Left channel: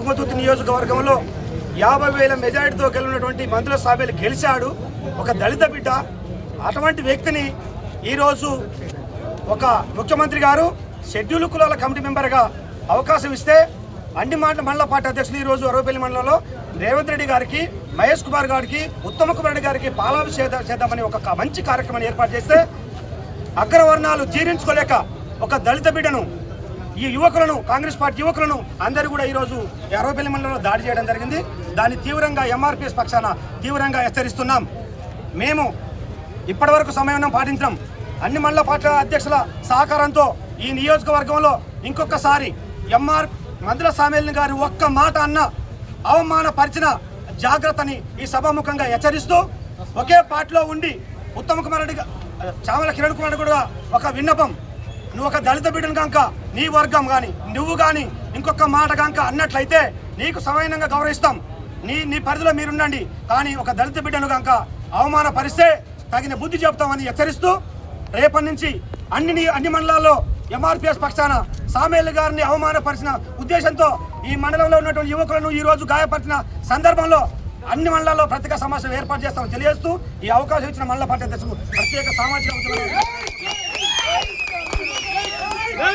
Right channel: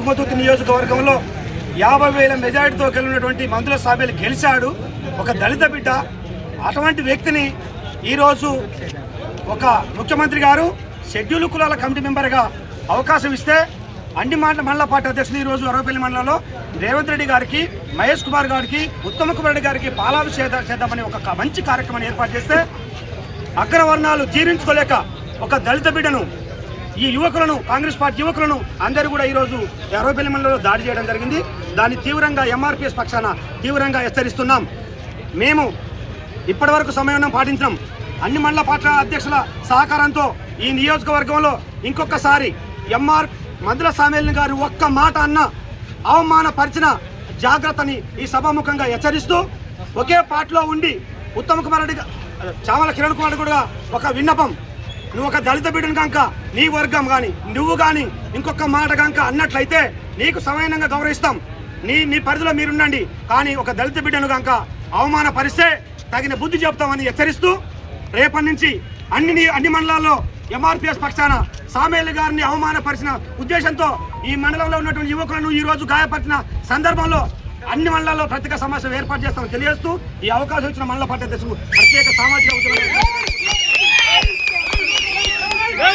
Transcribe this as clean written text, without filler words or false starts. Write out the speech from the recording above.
తుంగతుర్తి నియోజకవర్గంలో 50,000 మెజారిటీతో గెలిచినటువంటి మందుల సాబేలు గెలిచాడు. ఒక దళిత బిడ్డ. అటువంటి వ్యక్తిని ఈరోజు ఒక ముఖ్యమంత్రి గారు షెడ్యూల్ కులాల కమిటీ మెంబర్గా అవకాశం ఇస్తే అండి మండల పార్టీ అధ్యక్షులు ఈరోజు అరవపల్లి మండలంలో రేవంత్ రెడ్డి గారికి, మహేష్ కుమార్ గారికి, ఉత్తమ్ కుమార్ రెడ్డి గారికి పాలాభిషేకం చేద్దామని ఒక మంచి కార్యక్రమాన్ని ఏర్పాటు చేస్తే అగ్రవర్ణాలు జీర్ణించుకోలేక ఒక దళిత బిడ్డను, ఈ యువకులను, కాంగ్రెస్ పార్టీ యువకులను అందరూ కూడా ఈరోజు అరవపల్లి మండలంలో దాడి చేయడం జరిగింది. దాన్ని తీవ్రంగా ఎంఆర్పీఎస్ పక్షాన తీవ్రంగా హెచ్చరిస్తున్నాం. మేము ఇప్పటివరకు సమయం పాటించాం. అన్ని మండల పార్టీ అధ్యక్షుల సహకారంతో ఈ నియోజకవర్గంలో ఇంకొకసారి మందుల సామేల్ని గారు ఒక్క మాట అన్న అవమానపరిచిన జాగ్రత్తని ఈ సభాముఖంగా హెచ్చరిస్తూ, ఒకే పార్టీలో ఉండి ఉత్తమ్ కుమార్ రెడ్డి, చామల కిరణ్ కుమార్ కూడా ఒక విన్నపం, నువ్వు ఒక దళిత బిడ్డను కనుక నీ వర్గం కానీ నువ్వు కానీ ఇంకొక మాట కనుక అన్నట్లయితే నీకు సమానంగా గౌరవిస్తాం, నీ పరిధిలో మీరుండండి. కానీ ఒక దళిత బిడ్డను కనుక అవమానపరిస్తే తగిన బుద్ధి చెప్తామని హెచ్చరిస్తూ, రేపటి నుంచి అన్ని మండలాల్లో ఎంఆర్పీఎస్ పక్షాన సామేల్ గారిని అవమానపరిచిన ఉద్దేశంతో ఈ మండలంలో ఉన్నటువంటి యువకులను ఈ రోజు గాయపరిచిన సందర్భంలో అన్ని మండలాల్లో ప్రత్యేక సమావేశం ఏర్పాటు చేస్తామని తెలియజేస్తూ ఈ అవకాశం ఇచ్చిన మండల పార్టీ అధ్యక్షులు ప్రత్యేక సామాజిక